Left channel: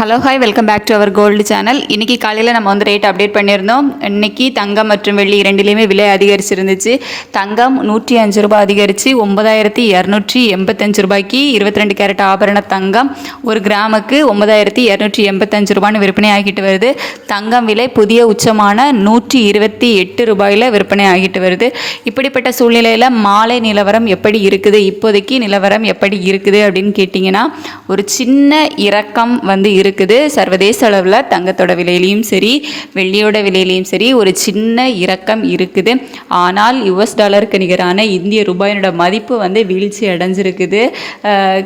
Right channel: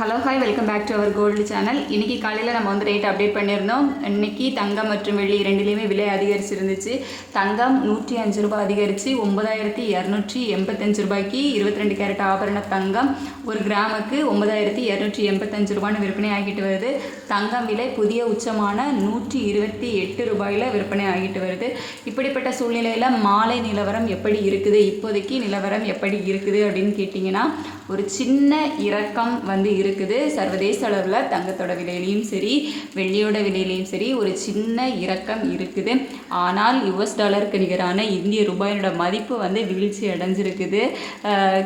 Hello hi welcome back to our gold channel. இன்றைக்கி காலையில் நம்ம வந்து ரேட் அப்டேட் பண்ணியிருந்தோம். இன்றைக்கி தங்கம் மற்றும் வெள்ளி இரண்டுலேயுமே விலை அதிகரிச்சிருந்துச்சு. தங்கம் 105 ரூபாய் அதிகரித்து 9285 ரூபாய்க்கு 22 கேரட் ஆபரண தங்கம் ஒரு கிராமுக்கு 9285 ரூபான்னு விற்பனை ஆகிட்டு வருது. தங்கம் விலை புதிய உச்சமான 128 ரூபாயில் விற்பனை ஆகிட்டு வருது. இப்படிப்பட்ட சூழ்நிலையில் மாலை நிலவரம் எப்படி இருக்குது, இப்போதைக்கு நிலவரம் எப்படி இருக்குது அப்படின்னு கேட்டிங்கன்னா, ஒரு சின்ன இறக்கம் வந்து இருக்குது. சர்வதேச அளவில் தங்கத்தோட விலையிலையும் சரி வெள்ளியோட விலையிலையும் சரி ஒரு சின்ன இறக்கம் இருக்குது. ஆனால் US டாலருக்கு நிகரான இந்திய ரூபாயினோட மதிப்பு வந்து வீழ்ச்சி அடைஞ்சிருக்குது.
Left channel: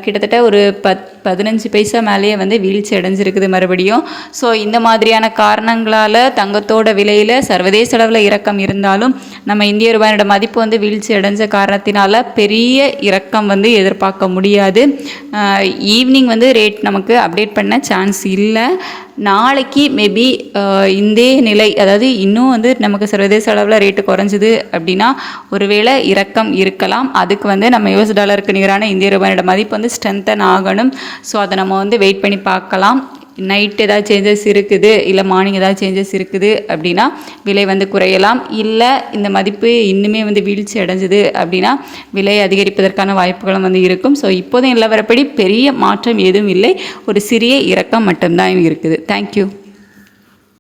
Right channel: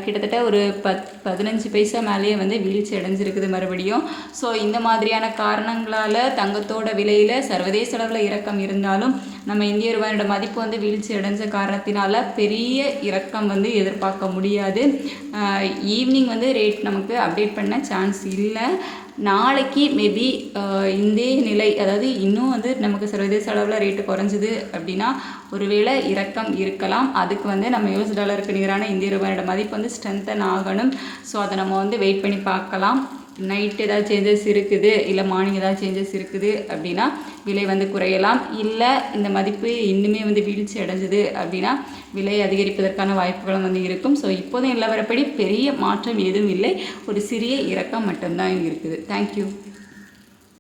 கிட்டத்தட்ட ஒரு 15 பைசா மேலேயே வந்து வீழ்ச்சி அடைஞ்சிருக்குது மறுபடியும். ஸோ இந்த மாதிரியான காரணங்களால் தங்கத்தோட விலையில் சர்வதேச அளவில் இறக்கம் இருந்தாலும் நம்ம இந்திய ரூபாயினோட மதிப்பு வந்து வீழ்ச்சி அடைஞ்ச காரணத்தினால பெரிய இறக்கம் வந்து எதிர்பார்க்க முடியாது. ஈவினிங் வந்து ரேட் நமக்கு அப்டேட் பண்ண சான்ஸ் இல்லை. நாளைக்கு மேபி இந்த நிலை, அதாவது இன்னும் வந்து நமக்கு சர்வதேச அளவில் ரேட்டு குறைஞ்சிது அப்படின்னா ஒருவேளை இறக்கம் இருக்கலாம். அதுக்கு வந்து நம்ம US டாலருக்கு நிகரான இந்திய ரூபாயோட மதிப்பு வந்து ஸ்ட்ரென்தன் ஆகணும். ஸோ அதை நம்ம வந்து வெயிட் பண்ணி பார்க்கலாம். நைட் ஏதாவது சேஞ்சஸ் இருக்குது, இல்லை மார்னிங் ஏதாவது சேஞ்சஸ் இருக்குது அப்படின்னா விலை வந்து குறையலாம். இல்லை இந்த மதிப்பு இன்னுமே வந்து வீழ்ச்சி அடைஞ்சிது அப்படின்னா விலை அதிகரிப்பதற்கான வாய்ப்புகளும் வந்து இருக்கும். ஸோ இப்போதைய நிலவரப்படி பெரிய மாற்றம் எதுவும் இல்லை, ஒரு சிறிய இறக்கம் மட்டும்தான் இருக்குது. தேங்க்யூ.